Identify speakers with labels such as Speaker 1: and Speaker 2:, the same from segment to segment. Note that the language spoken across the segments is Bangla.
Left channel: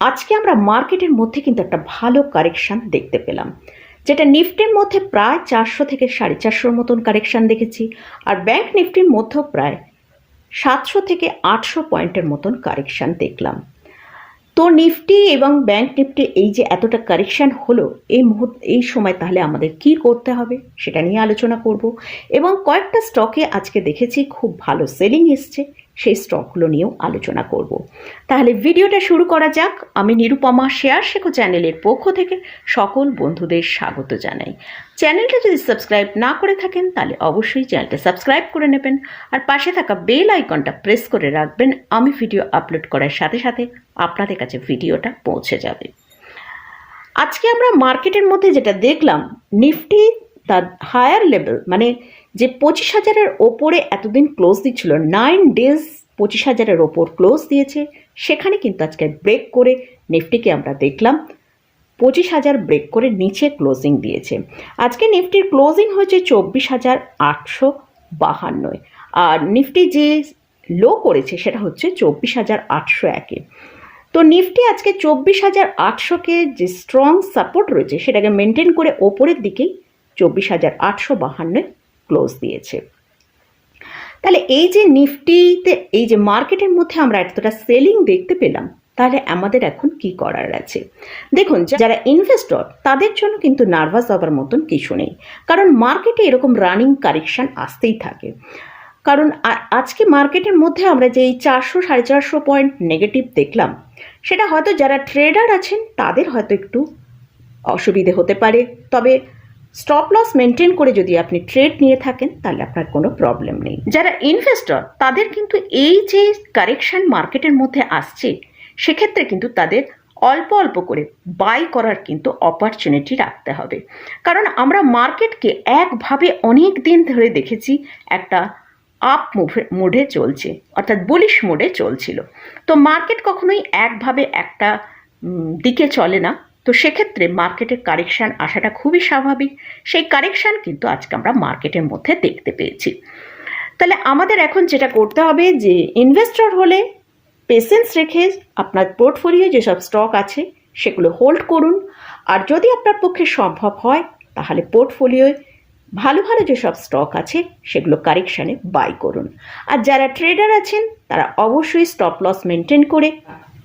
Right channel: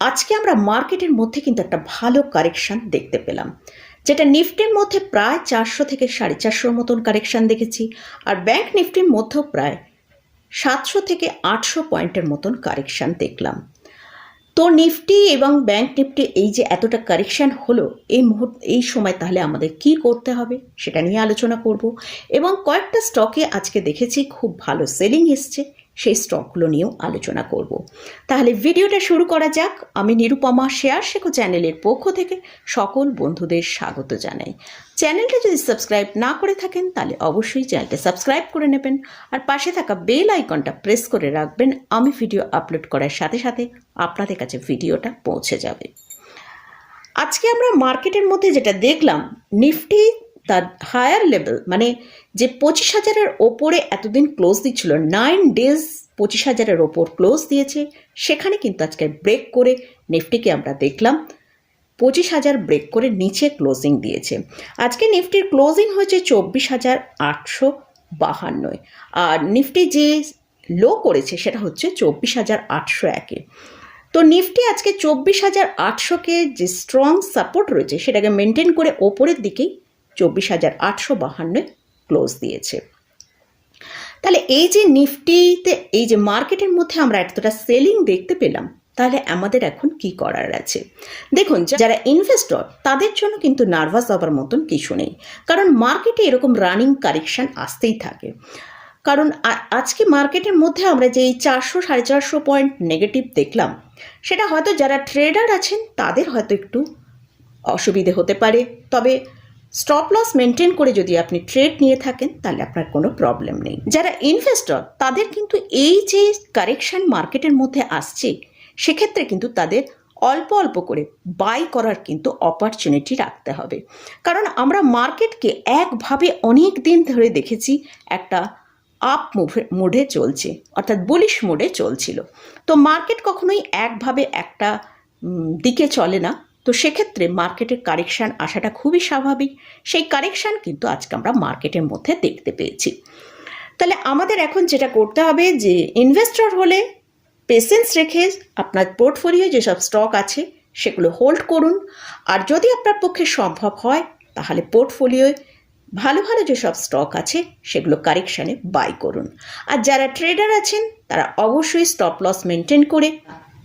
Speaker 1: আজকে আমরা মার্কেটের মধ্যে কিন্তু একটা ভালো কারেকশন দেখতে পেলাম। যেটা নিফটির মধ্যে প্রায় চারশো থেকে সাড়ে চারশোর মতন কারেকশন দেখেছি আর ব্যাংক নিফটির মধ্যেও প্রায় সাতশো থেকে আটশো পয়েন্টের মতন কারেকশন দেখলাম। তো নিফটি এবং ব্যাংক নিফটি এই যে এতটা কারেকশান হলো, এই মুহূর্ত, এই সময় তাহলে আমাদের কি করতে হবে সেটা নিয়ে আলোচনা করব। এবং কয়েকটা স্টকে আজকে দেখেছি খুব ভালো সেলিং এসছে। সেই স্টকগুলো নিয়েও আলোচনা করব। তাহলে ভিডিওটা শুরু করা যাক। আমি নিরুপমা শেয়ার শেখো চ্যানেলের পক্ষ থেকে সকল বন্ধুদের স্বাগত জানাই। চ্যানেলটা যদি সাবস্ক্রাইব না করে থাকেন, তাহলে অবশ্যই চ্যানেলটা সাবস্ক্রাইব করে নেবেন আর পাশে থাকা বেল আইকনটা প্রেস করে রাখবেন। আমি ভিডিও আপলোড করার সাথে সাথে আপনাদের কাছে ভিডিওটা পৌঁছে যাবে। আজকে আমরা মার্কেটের মধ্যে যেটা দেখলাম, নিফটি তার হায়ার লেভেল মানে যে পঁচিশ হাজারের ওপরে এতদিন ক্লোজ দিচ্ছিল নাইন ডেজ পঁচিশ হাজারের ওপর ক্লোজ দিয়েছে। সেখানে কিন্তু আজকে ব্রেক করে নিফটিকে আমরা দেখলাম, পঁচিশ হাজার ব্রেক করে নিচে ক্লোজিং দিয়েছে। আজকে নিফটির ক্লোজিং হয়েছে চব্বিশ হাজার আটশো বাহান্নয় আর নিফটি যে লো করেছে, সেটা হচ্ছে চব্বিশ হাজার আটশো একে তো নিফটি আজকে চব্বিশ হাজার আটশোকে যে স্ট্রং সাপোর্ট রয়েছে, সেটাকে মেনটেন করে ওপরের দিকেই চব্বিশ হাজার আটশো বাহান্নয় ক্লোজ দিয়েছে। তাহলে এই যে নিফটিতে, এই যে মার্কেটের মধ্যে আমরা এতটা সেলিং দেখতে পেলাম, তাহলে আমাদের এখন কি করার আছে? দেখুন, যারা ইনভেস্টর তাদের জন্য কিন্তু নার্ভাস হওয়ার মতন কিছু নেই। কারণ মার্কেটে এরকম রানিং কারেকশান আসতেই থাকে। কারণ আজকে মার্কেটের মধ্যে আমরা যে চারশো, সাড়ে চারশো পয়েন্ট নেগেটিভ দেখলাম, সেটা হয়তো যারা ট্রেডার আছেন, তাদের হয়তো একটু অসুবিধে হতে পারে। তবে স্টপ লস মেনটেন করে যদি আপনি ট্রেড নিয়ে থাকেন, তাহলে আপনার কোনো প্রবলেম নেই। যারা ইনভেস্টর তাদের কিন্তু এই যে কারেকশন মার্কেটের মধ্যে আসছে, সেক্ষেত্রে কিন্তু তাদের অল্প অল্প করে বাই করার কিন্তু অপরচুনিটি রাখতে হবে। কারণ আমরা মার্কেটকে একভাবে অনেক দিন ধরে দেখেছি একটা আপ মুভে মোডে চলছে, অর্থাৎ বুলিশ মোডে চলছিল। তো মার্কেট কখনোই একভাবে একটা দিকে চলে না। তো সেক্ষেত্রে মার্কেটের কারেকশান আসাটা খুবই স্বাভাবিক। সেই কারেকশান কিন্তু আজকে আমরা মার্কেটের মধ্যে দেখতে পেয়েছি। তাহলে আমাদের এখন যেটা করতে হবে যে ইনভেস্টর হলে পেশেন্স রেখে আপনার পোর্টফোলিও যেসব স্টক আছে, সেগুলো হোল্ড করুন। আর যদি আপনার পক্ষে সম্ভব হয়, তাহলে পোর্টফোলিওয় ভালো ভালো যেসব স্টক আছে, সেগুলো কারেকশানে বাই করুন। আর যারা ট্রেডার আছেন, তারা অবশ্যই স্টপ লস মেনটেন করে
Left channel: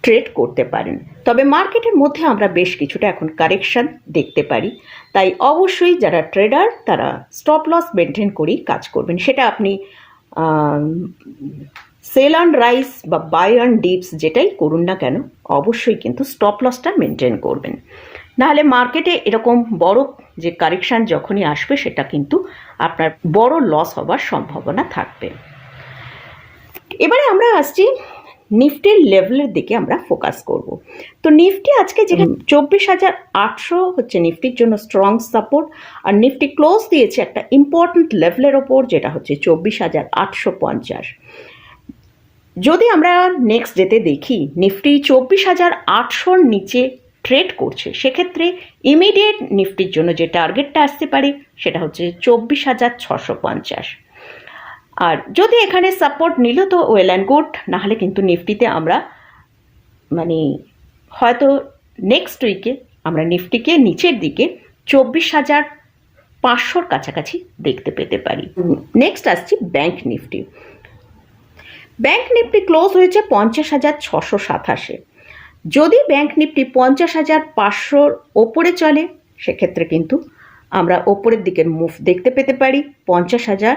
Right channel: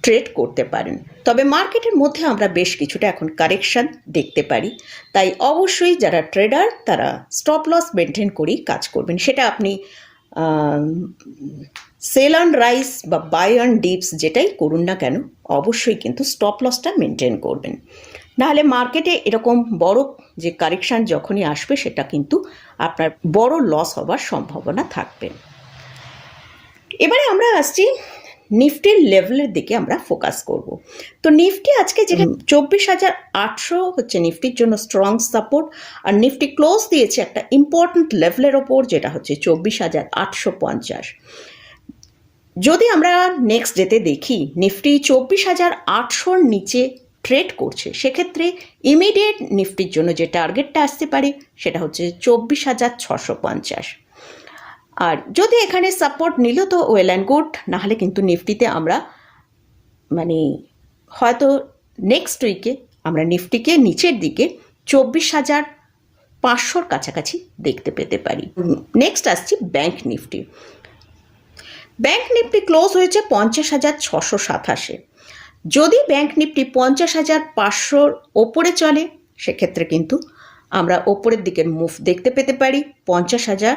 Speaker 1: ট্রেড করতে পারেন। তবে মার্কেটের মধ্যে আমরা বেশ কিছুটা এখন কারেকশান দেখতে পারি। তাই অবশ্যই যারা ট্রেডার তারা স্টপ লস মেনটেন করেই কাজ করবেন। সেটা আপনি সেল অন রাইস বা বাই অন ডিপস যেটাই করুন না কেন, অবশ্যই কিন্তু স্টপ লসটা মেনটেন করবেন। নাহলে মার্কেটে এরকম বড় যে কারেকশান যখনই আসবে, সেটা কিন্তু আপনার বড় লস হবার সম্ভাবনা থাকবে। এবারে আমরা আসছি নিফটির লেভেলের দিকে আমরা ফোকাস করব। তো নিফটি আজকে যেখানে চব্বিশ হাজার আটশো হচ্ছে নিফটির জন্য স্ট্রং সাপোর্ট আর নিফটি ক্লোজ দিয়েছে একটা ইম্পর্ট্যান্ট লেভেলের ওপর যেটা হচ্ছে চব্বিশ হাজার আটশো পঞ্চাশ। যদি আমরা নেক্সট ডেতে দেখি নিফটি চব্বিশ হাজার আটশোর নিচে ট্রেড করছে সেক্ষেত্রে ইমিডিয়েট নিফটির জন্য যে টার্গেটটা আসতে পারে সেটা হচ্ছে চব্বিশ হাজার ছশো পঞ্চাশ। আর যদি এখানে সাপোর্ট নিল তো ওয়েল অ্যান্ড গুড নাহলে কিন্তু নিফটিতে আমরা মানে হয়তো নেক্সট উইকে আমরা নিফটিকে নিচের দিকে চব্বিশ হাজার পাঁচশোর কাছাকাছি দেখতে পেতে পারি। নেক্সট আসছি bank Nifty bank Nifty close হয়েছে পঞ্চাশ হাজার ছশো সাতাশে। যদি ব্যাংক নিফটি পঞ্চাশ হাজার পাঁচশোর ওপরে চলে, সেক্ষেত্রে কিন্তু আমরা ওপরের দিকে মুভ দেখতে পেতে পারি পঞ্চাশ হাজার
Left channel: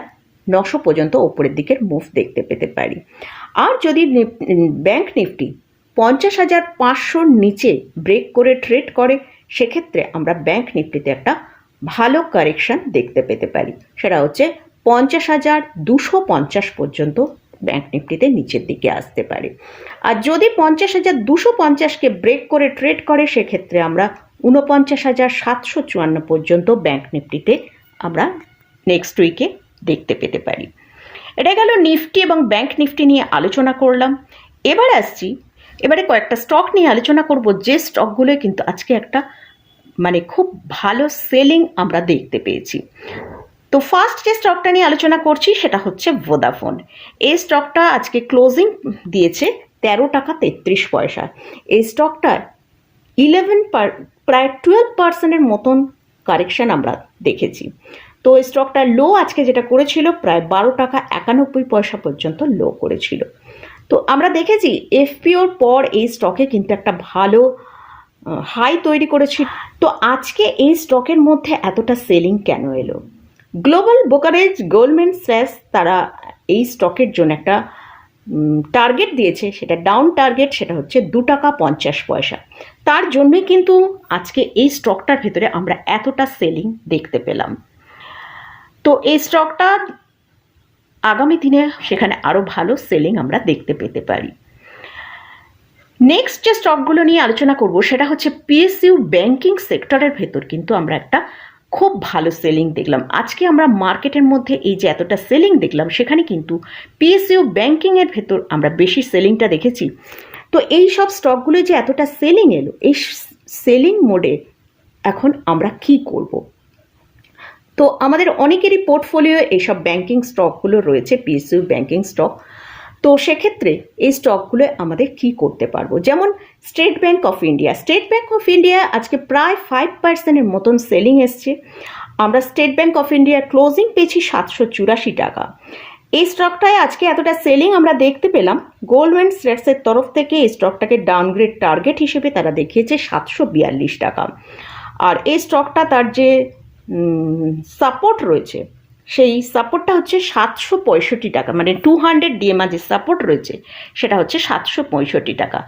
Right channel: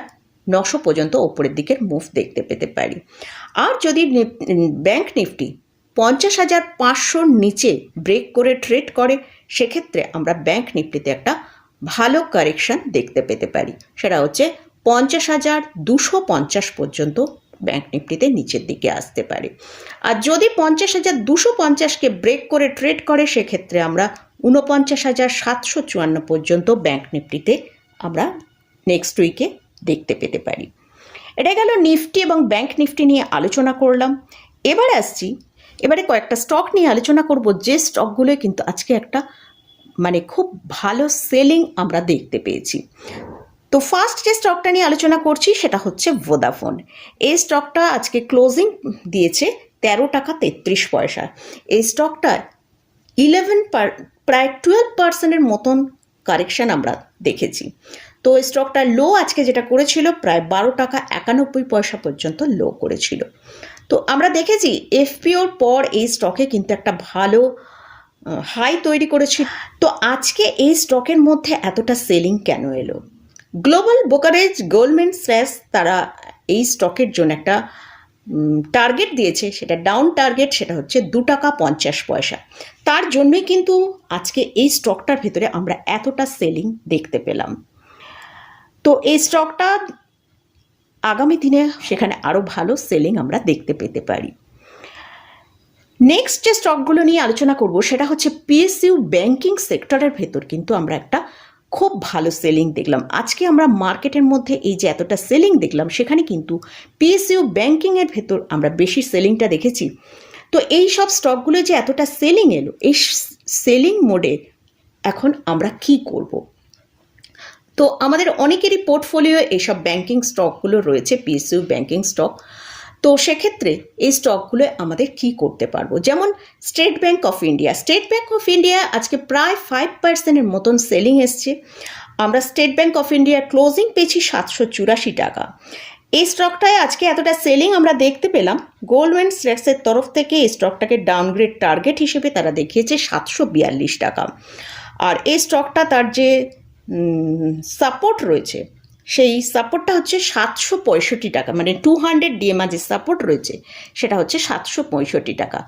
Speaker 1: নশো পর্যন্ত ওপরের দিকের মুভ দেখতে পেতে পারি। আর যদি ব্যাংক নিফটি পঞ্চাশ হাজার পাঁচশোর নিচে ব্রেক করে ট্রেড করে, সেক্ষেত্রে আমরা ব্যাংক নিফটিতে একটা ভালো কারেকশন দেখতে পেতে পারি। সেটা হচ্ছে পঞ্চাশ হাজার দুশো পঞ্চাশ পর্যন্ত ব্যাংক নিফটিতে নিচের দিকে আসতে পারে। আর যদি পঞ্চাশ হাজার দুশো পঞ্চাশকে ব্রেক করে ট্রেড করে, সেক্ষেত্রে আমরা উনপঞ্চাশ হাজার সাতশো চুয়ান্ন পর্যন্ত ব্যাংক নিফটিতে আমরা নেক্সট উইকে দেখতে পেতে পারি। এটা গেল নিফটি এবং ব্যাংক নিফটি নিয়ে আলোচনা করলাম। এবার আসছি, এবারে কয়েকটা স্টক নিয়ে আলোচনা করব। যে স্টকগুলো কিন্তু আজকে একটা মানে খুব ভালো সেলিং আমরা দেখতে পেয়েছি। তো ফার্স্ট যে স্টকটা নিয়ে আলোচনা করছি, সেটা হচ্ছে ভোদাফোন এই স্টকটা আজকে ক্লোজিং দিয়েছে তেরো টাকা তেত্রিশ পয়সা। এই স্টকটায় ইলেভেন পার প্রায় টুয়েলভ পার্সেন্টের মতন কারেকশন আমরা দেখেছি। তো স্টকটা লো আজকে যেটা করেছিল, প্রায় বারো টাকা একানব্বই পয়সা পর্যন্ত লো করেছিল। তো আমরা দেখেছি এফপিওর পর এই স্টকে কিন্তু একটা ভালো হাই তৈরি করেছি। তো আজকে এই স্টকের মধ্যে এতটা সেলিং কেন এলো? গ্লোবাল বোকারেজ গোল্ডম্যান স্ল্যাশ তারা এই স্টকের জন্য একটা টার্গেট দিয়েছে। সেটা ডাউন টার্গেট সেটা হচ্ছে দু টাকা পঞ্চাশ পয়সা। তার জন্যই কিন্তু আজকে এই স্টকটার ভেতরে আমরা এতটা সেলিং দেখতে পেলাম। তো এই স্টকটা আগামী দিনে সেখানে আরও ভালো সেলিং আমরা দেখতে পেতে পারি। নেক্সট যে স্টকগুলো নিয়ে আলোচনা করব, সেটা হচ্ছে পিএসইউ ব্যাংকিং সেক্টরের ভেতর কিন্তু আমরা একটা খুব ভালো সেলিং দেখলাম। আজকে আমরা মার্কেটের মধ্যে এই যে এতটা সেলিং দেখলাম, সেখানে কিন্তু পিএসইউ ব্যাংকিংয়ের ভেতর আমরা বেশি সেলিংটা দেখেছি। তো এই সব স্টকগুলো যে এতটা সেলিং এলো, এই সেলিং মোডে এখন আমরা কি করব? তো আমাদের অনেকেরই পোর্টফোলিও এইসব ব্যাংকিং স্টকগুলো রয়েছে পিএসইউ ব্যাংকিং স্টক তো সেক্ষেত্রে এই স্টকগুলো আমাদের কি করতে পারব? যেমন State Bank of India State Bank of India আজকে প্রায় ফাইভ পার্সেন্টের মতন সেলিং এসছে। আমরা স্টেট ব্যাংক অফ ইন্ডিয়ার ক্লোজিং পেয়েছি সাতশো চুরাশি টাকা। এই স্টকটায় আজকে এতটা সেলিং আমরা দেখতে পেলাম। গোল্ডম্যান স্ট্যাক্সের তরফ থেকে এই স্টকটাকে ডাউনগ্রেড টার্গেট হিসেবে তারা দেখিয়েছে সাতশো বিয়াল্লিশ টাকা। আর এই স্টকটা তার যে সাপোর্ট রয়েছে। সেই সাপোর্টটা হচ্ছে সাতশো পঁয়ষট্টি টাকা। মানে টু হান্ড্রেড ডিএমআর যে সাপোর্ট রয়েছে, সেটা হচ্ছে সাতশো পঁয়ষট্টি টাকা।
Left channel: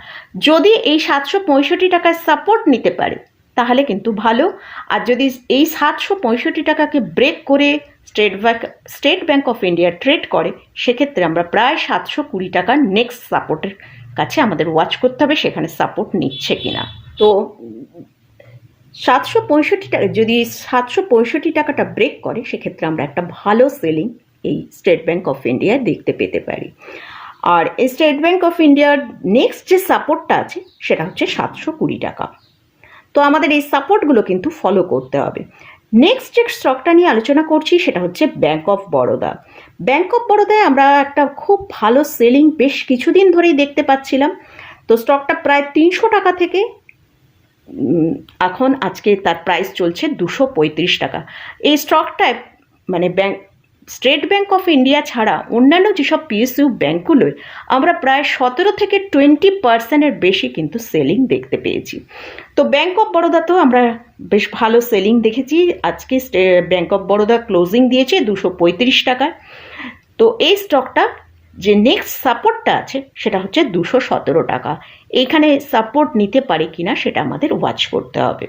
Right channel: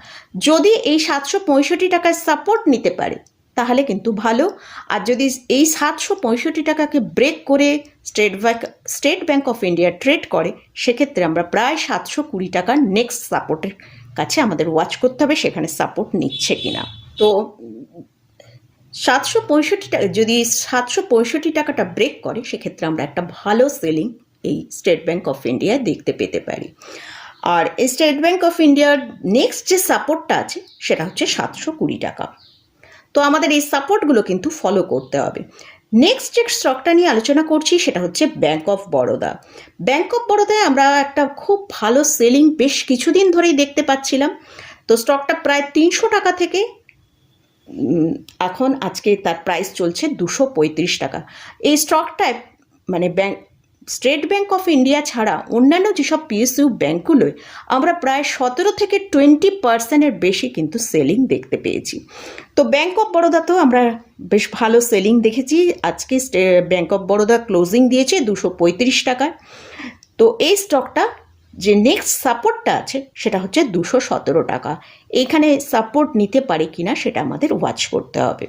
Speaker 1: যদি এই সাতশো পঁয়ষট্টি টাকার সাপোর্ট নিতে পারে, তাহলে কিন্তু ভালো। আর যদি এই সাতশো পঁয়ষট্টি টাকাকে ব্রেক করে State Bank State Bank of India trade করে, সেক্ষেত্রে আমরা প্রায় সাতশো কুড়ি টাকার নেক্সট সাপোর্টের কাছে আমাদের ওয়াচ করতে হবে, সেখানে সাপোর্ট নিচ্ছে কিনা। তো সাতশো পঁয়ষট্টি টাকা যদি সাতশো পঁয়ষট্টি টাকাটা ব্রেক করে, সেক্ষেত্রে আমরা একটা ভালো সেলিং এই স্টেট ব্যাঙ্ক অফ ইন্ডিয়ায় দেখতে পেতে পারি। আর স্টেট ব্যাঙ্ক অফ ইন্ডিয়ার নেক্সট যে সাপোর্টটা আছে, সেটা হচ্ছে সাতশো কুড়ি টাকা। তো আমাদের এই সাপোর্টগুলো কিন্তু ফলো করতে হবে। নেক্সট যে স্টকটা নিয়ে আলোচনা করছি, সেটা হচ্ছে bank of Baroda bank of বরোদায় আমরা একটা খুব ভালো সেলিং বেশ কিছুদিন ধরেই দেখতে পাচ্ছিলাম। তো স্টকটা প্রায় তিনশো টাকা থেকে এখন আজকে তার প্রাইস চলছে দুশো পঁয়ত্রিশ টাকা। এই স্টকটায় মানে bank State Bank of India ছাড়া অন্যান্য যেসব পিএসইউ ব্যাঙ্কগুলোয় আমরা প্রায় সতেরো থেকে টোয়েন্টি পার্সেন্টের বেশি কিন্তু সেলিং দেখতে পেয়েছি। তো ব্যাঙ্ক অফ বরোদাতেও আমরা বেশ ভালো সেলিং দেখেছি। আজকে ব্যাঙ্ক অফ বরোদা ক্লোজিং দিয়েছে দুশো পঁয়ত্রিশ টাকায়। তো এই স্টকটা যে নেক্সট সাপোর্টটা আছে সেটা হচ্ছে দুশো সতেরো টাকা। এইখানে সাপোর্ট নিতে পারে কিনা সেটা আমাদের ওয়াচ করতে হবে।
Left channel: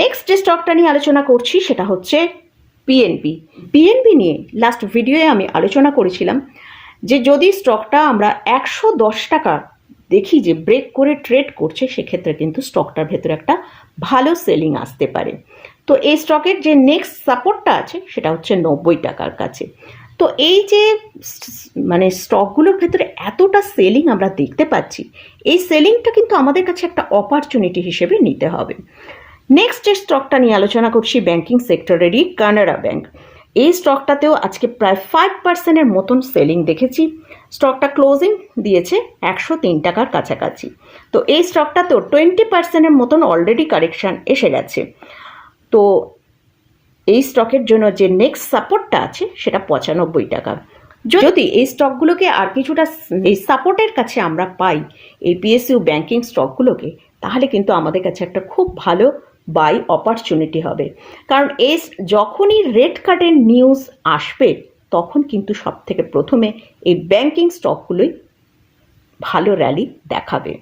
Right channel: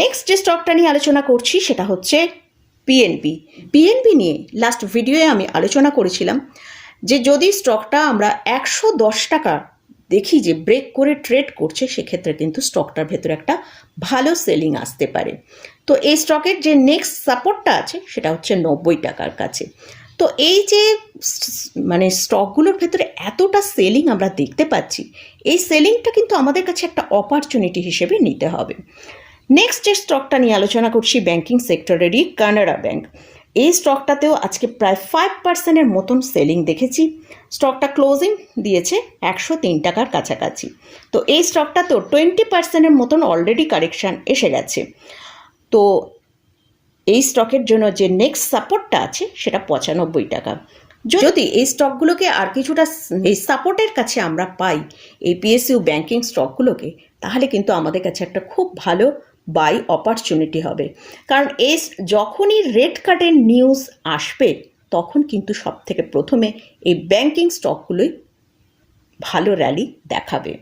Speaker 1: নেক্সট যে স্টকটা নিয়ে আলোচনা করছি সেটা হচ্ছে পিএনপি পিএনপি নিয়ে লাস্ট ভিডিওয়ে আমি আলোচনা করেছিলাম যে যদি স্টকটা আমরা একশো দশ টাকা দেখি যে ব্রেক করে ট্রেড করছে, সেক্ষেত্রে কিন্তু স্টকটার ভেতরে একটা ভালো সেলিং আসতে পারে। তো এই স্টকের যে নেক্সট সাপোর্টটা আছে, সেটা হচ্ছে নব্বই টাকার কাছে। তো এই যে মানে স্টকগুলোর ভেতরে এতটা সেলিং আমরা দেখতে পাচ্ছি, এই সেলিংটা কিন্তু আমাদের কাছে একটা অপরচুনিটি হিসেবে নিতে হবে। নেক্সট যে স্টকটা নিয়ে আলোচনা করছি ব্যাংকিং সেক্টরেরই কানাডা ব্যাংক এই স্টকটাতেও আজকে প্রায় ফাইভ পার্সেন্টের মতন সেলিং দেখেছি। স্টকটা ক্লোজিং দিয়েছে একশো তিন টাকার কাছাকাছি। তো এই স্টকটাতেও টোয়েন্টি পার্সেন্টের মতন অলরেডি কারেকশান এসে গেছে। তো এই স্টকের জন্য যে নেক্সট সাপোর্টটা আছে সেটা পঁচানব্বই টাকা। যদি এই স্টকগুলোকে আর কিছুটা এই সাপোর্টের কাছে আমরা পাই এই পিএসইউ ব্যাংকিং স্টকগুলোকে তাহলে কিন্তু আমাদের কাছে একটা খুব ভালো বাই অপরচুনিটি হবে। কারণ এই যখনই রেড কার্ডের নিউজ আসবে তখন কিন্তু সব থেকে প্রথমে এই ব্যাংকিং স্টকগুলোই ভালো র্যালি দেখাবে।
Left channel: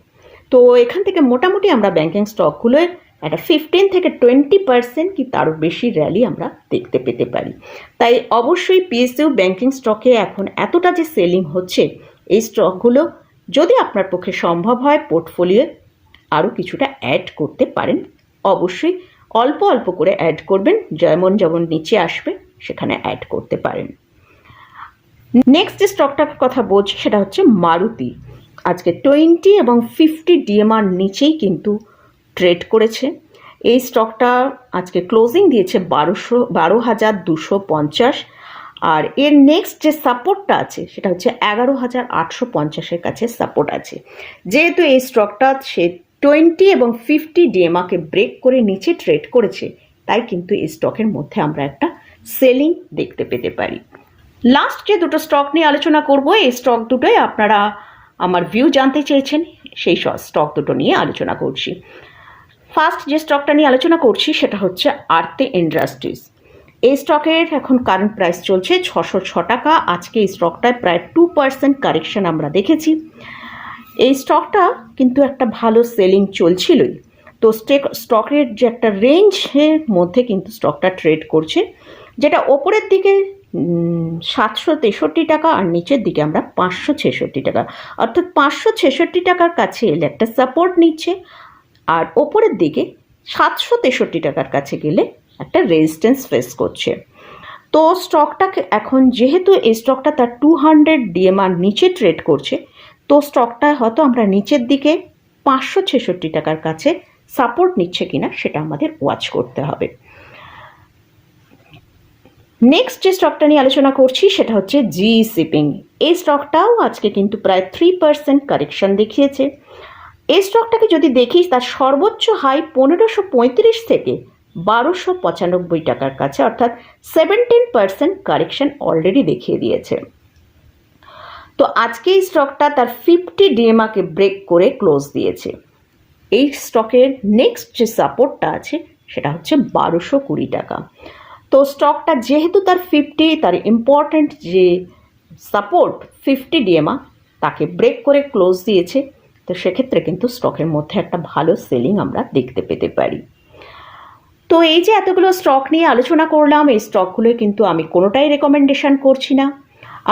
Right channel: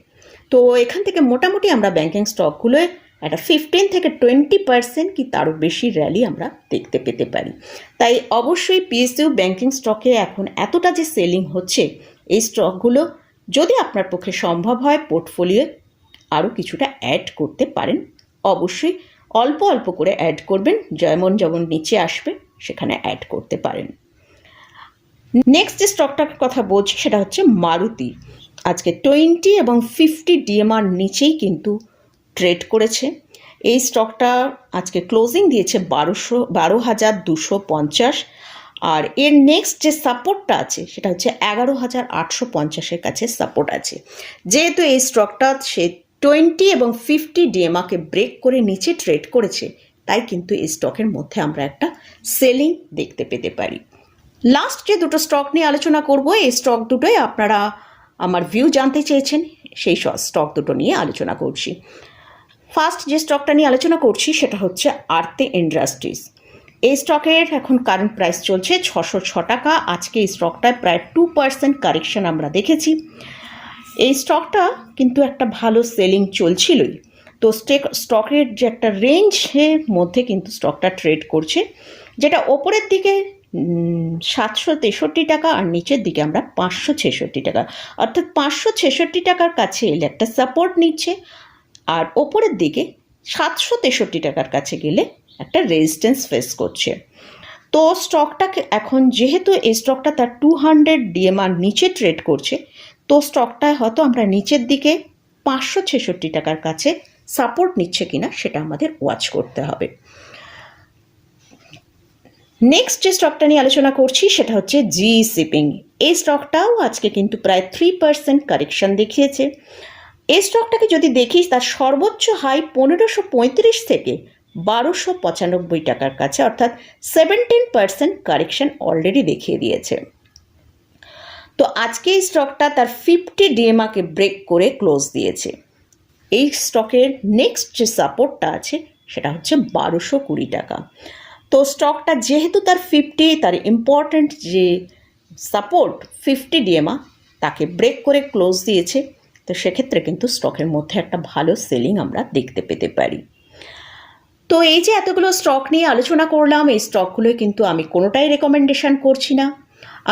Speaker 1: তো এখান থেকে মোটামুটি আমরা ব্যাংকিং স্টকগুলোয় একটা ফিফটিন থেকে টোয়েন্টি পার্সেন্ট কি তারও বেশি র্যালি আমরা দেখতে পেতে পারি। তাই অবশ্যই পিএসইউ ব্যাংকিং স্টকে এখন এতটা যে সেলিং হচ্ছে, এই স্টকগুলো যদি আপনার পক্ষে সম্ভব হয় পোর্টফোলিও আরও কিছুটা অ্যাড করতে পারেন, অবশ্যই অল্প অল্প করে অ্যাড করবেন, যেমন যেমন নিচে আসবে সেখানে অ্যাড করতে পারেন। নেক্সট যে স্টকটার কথা বলছি সেটা হচ্ছে মারুতি। আজকে টোয়েন্টি এবং ফিফটি ডিএমআর নিচেই কিন্তু ট্রেড করেছে। এই স্টকটা আজকে ক্লোজিং দিয়েছে বারোশো, বারো হাজার দুশো পঞ্চাশ। আর এর নেক্সট যে সাপোর্টটা আছে, সেটা হচ্ছে এগারো হাজার আটশো পঞ্চাশের কাছে সাপোর্ট আছে। যেহেতু এই স্টকটা সে টোয়েন্টি এবং ফিফটি ডিএমআকে ব্রেক করে নিচে ট্রেড করেছে, তাই কিন্তু এই স্টকের মধ্যে আমরা একটা সেলিং দেখতে পেতে পারি। লাস্ট যে দুটো স্টক নিয়ে আলোচনা করব, এই স্টক দুটোয় আপনারা আমার ভিউ জানতে চেয়েছেন, সেই স্টক দুটো নিয়ে আলোচনা করছি। ফার্স্ট যে স্টকটা নিয়ে আলোচনা করছি সেটা হচ্ছে আরতে ইন্ডাস্ট্রিজ। এই স্টকের এখন কারেন্ট প্রাইস চলছে ছশো ছ টাকা। আজকে এই স্টকটায় প্রায় টু পার্সেন্ট কারেকশন আমরা দেখেছি। এই স্টকটা কিন্তু একটা ভালো সেলিং চলছিলই। তো স্টেক স্টকের যে একটা রেঞ্জের মধ্যে কিন্তু স্টকটা ট্রেড করছে, যেটা ওপরের দিকে সাতশো তেষট্টি টাকা আর নিচের দিকে আমরা পাঁচশো ছেষট্টি টাকা। অর্থাৎ পাঁচশো ছেষট্টি টাকার কাছে এলে একটা সাপোর্ট নিচ্ছে। আর ওপরের দিকে সাতশো তেষট্টি টাকার কাছে গেলে একটা রেজিস্ট্যান্স ফেস করছে। তো স্টকটাকে এখন যেহেতু এই স্টকটা তার টু হান্ড্রেড ডিএমআর নিচে ট্রেড করছে, তো স্টকটা হয়তো আমরা নিচের দিকে পাঁচশো ছেষট্টি টাকার কাছে সাপোর্ট নিচ্ছে কিনা সেটা আমাদের ওয়াচ করতে হবে। নেক্সট যে স্টকটা নিয়ে আলোচনা করছি সেটা হচ্ছে জি শিপিং এই স্টকটাও আজকে কিন্তু প্রায় থ্রি পার্সেন্ট কারেকশন দেখিয়েছে। এই স্টকটাকে যদি দেখিস, তার সর্বোচ্চ হাই পনেরোশো পঁয়ত্রিশ থেকে বারোশো পঁচানব্বই টাকার কাছে, অর্থাৎ সেভেন্টিন পার্সেন্ট কারেকশন অলরেডি দেখিয়ে দিয়েছে। তো আজকে এই স্টকটা তার ফিফটি ডিএমআকে ব্রেক করে ক্লোজ দিয়েছে। এই স্টকের নেক্সট যে সাপোর্টটা আছে, সেটা হচ্ছে বারোশো কুড়ি টাকা। তো স্টকটা যেহেতু তার ফিফটি তার ইম্পর্ট্যান্ট যে সাপোর্ট ফিফটি ডিএমআ তাকে ব্রেক করে ক্লোজ দিয়েছে। তো সেক্ষেত্রে কিন্তু স্টকের মধ্যে একটা ভালো সেলিং আমরা দেখতে পেতে পারি। তো এই যে এতগুলো স্টক নিয়ে আলোচনা করলাম, এই স্টকগুলোই কিন্তু আমি কোনোটাই রেকমেন্ডেশন করছি না।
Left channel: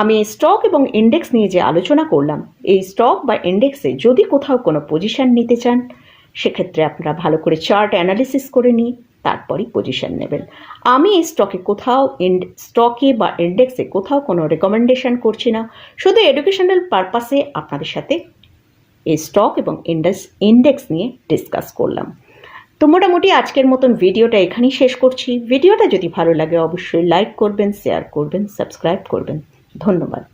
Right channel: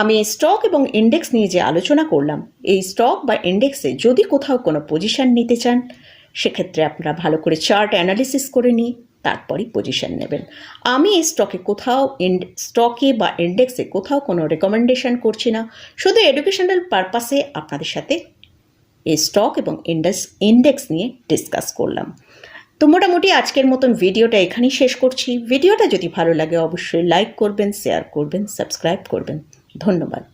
Speaker 1: আমি স্টক এবং ইন্ডেক্স নিয়ে যে আলোচনা করলাম, এই স্টক বা ইন্ডেক্সে যদি কোথাও কোনো পজিশন নিতে চান, সেক্ষেত্রে আপনারা ভালো করে চার্ট অ্যানালিসিস করে নিয়ে তারপরই পজিশন নেবেন। আমি এই স্টকে কোথাও স্টকে বা ইন্ডেক্সে কোথাও কোনো রেকমেন্ডেশন করছি না। শুধু এডুকেশনাল পারপাসে আপনাদের সাথে এই স্টক এবং ইন্ডেক্স ইন্ডেক্স নিয়ে ডিসকাস করলাম। তো মোটামুটি আজকের মতন ভিডিওটা এখানেই শেষ করছি। ভিডিওটা যদি ভালো লাগে, অবশ্যই লাইক করবেন শেয়ার করবেন সাবস্ক্রাইব করবেন। ধন্যবাদ।